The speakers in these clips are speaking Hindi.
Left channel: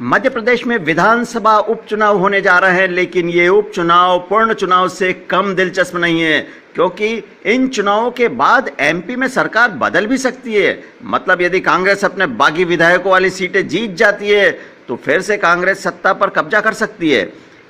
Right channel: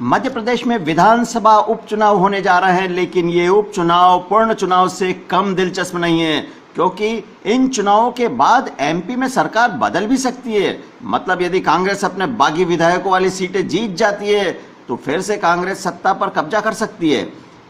मध्य प्रदेश में विधानसभा उपचुनाव होने जा रहे हैं, लेकिन ये उपचुनाव पूर्ण चुनाव से कम दिलचस्प नहीं है, क्योंकि इन चुनावों के बाद एमपी में सरकार बदल भी सकती है। मतलब यदि कांग्रेस अपने बागी विधायकों वाली सीटें जीत जाती है तो फिर से कांग्रेस सत्ता पर कब्जा कर सकती है।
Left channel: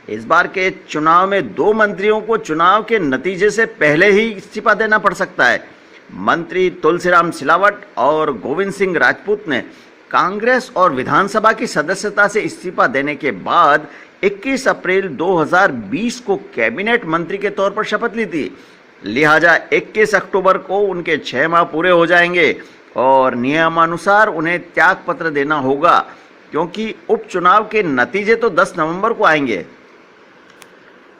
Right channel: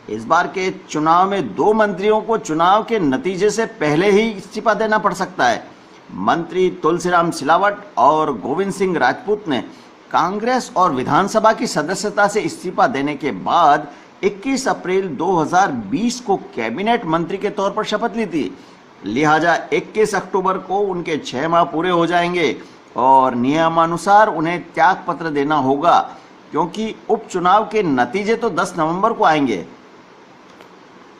इस बार के चुनाव में 2 मंत्रियों को चुनाव के नतीजे से पहले ही इस्तीफा देना पड़ सकता है। मंत्री तुलसीराम सिलावट और गोविंद सिंह राजपूत ने कांग्रेस और विधानसभा की सदस्यता से इस्तीफा देने के बाद 21 अप्रैल 2020 को कैबिनेट मंत्री के तौर पर शपथ ली थी। लिहाजा 21 अक्टूबर को उनके 6 माह पूरे हो जाएंगे और नियमानुसार उन्हें त्याग पत्र देना होगा, क्योंकि उपचुनाव के नतीजे तो 10 नवंबर को आएंगे।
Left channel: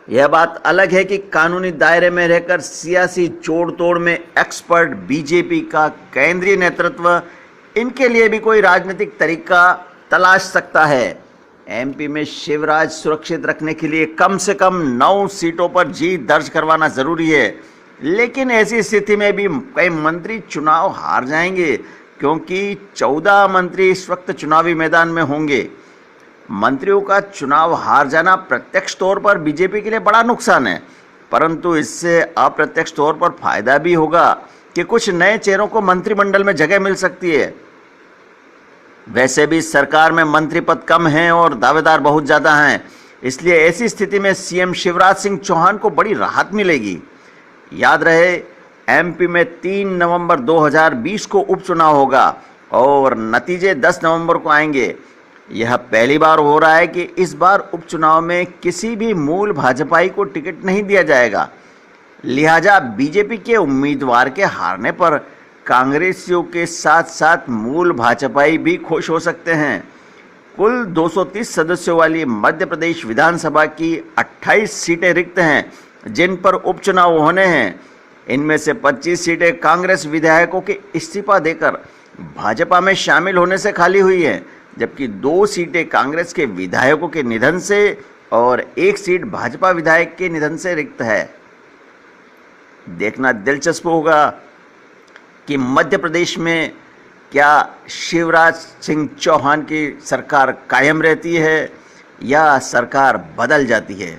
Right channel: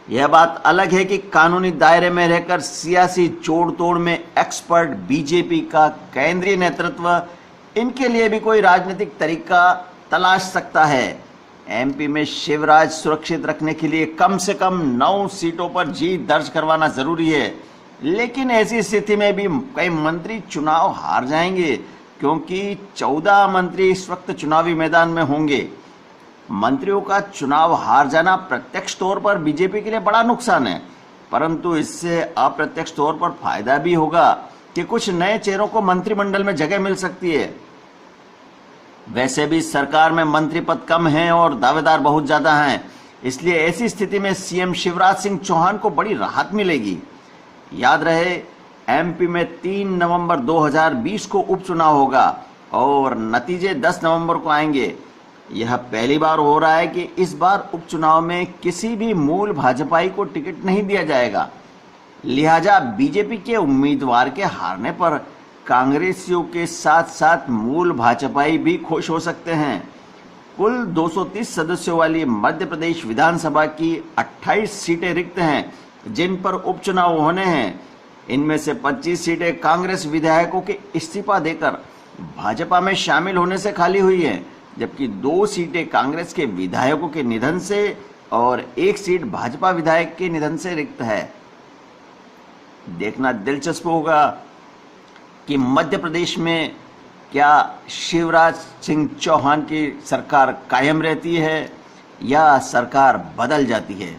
यह बात अलग है कि कानूनी दायरे में रहकर सियासी जोड़ तोड़ में एक्सपर्ट बीजेपी का केंद्रीय नेतृत्व इनके लिए भी कोई राजनीतिक तरीका तलाश सकता है। एमपी में शिवराज सुरक्षित रखने के लिए कम से कम 9 सीटों पर जीत दर्ज करवाना जरूरी है, लेकिन ऐसी स्थिति में भी कई मंत्री चुनाव हार जाएंगे, क्योंकि 14 मंत्री इस वक्त चुनावी मैदान में होंगे। मंत्रियों का चुनाव हार जाना प्रत्यक्ष तौर पर बीजेपी के लिए बड़ा नुकसान है, परंतु इससे अप्रत्यक्ष तौर पर फायदा भी होगा कि कुछ नए चेहरों को मंत्रिमंडल में जगह मिल सकती है। वैसे भी सरकार में मंत्री पद कम हैं और दावेदार बहुत ज़्यादा हैं, इसलिए ऐसी स्थिति में सीएम शिवराज सिंह चौहान को बड़ी राहत मिलेगी। याद रहे, एमपी में 3 नवंबर 2020 को उपचुनाव होगा और नतीजे 10 नवंबर को आएंगे। यह पहली बार हो रहा है कि इस बार उपचुनाव में किसी भी मूल भाजपाई को टिकट नहीं दिया जाएगा। लिहाजा बीजेपी के उम्मीदवार के हारने पर कांग्रेसियों के साथ साथ मूल भाजपाई भी खुश हो सकते हैं। कुल 230 सदस्यों वाली मध्य प्रदेश विधानसभा की 28 सीटें रिक्त हैं, जिन पर उपचुनाव होने हैं। इनमें से 25 सीटें कांग्रेस विधायकों के इस्तीफा देकर भाजपा में शामिल होने से खाली हुई हैं, जबकि 2 सीटें कांग्रेस के विधायकों के निधन से और 1 सीट भाजपा विधायक के निधन से रिक्त है। देखना दिलचस्प होगा कि मध्य प्रदेश में क्या शिवराज सिंह चौहान की सरकार कायम रहती है या सरकार बदल जाती है।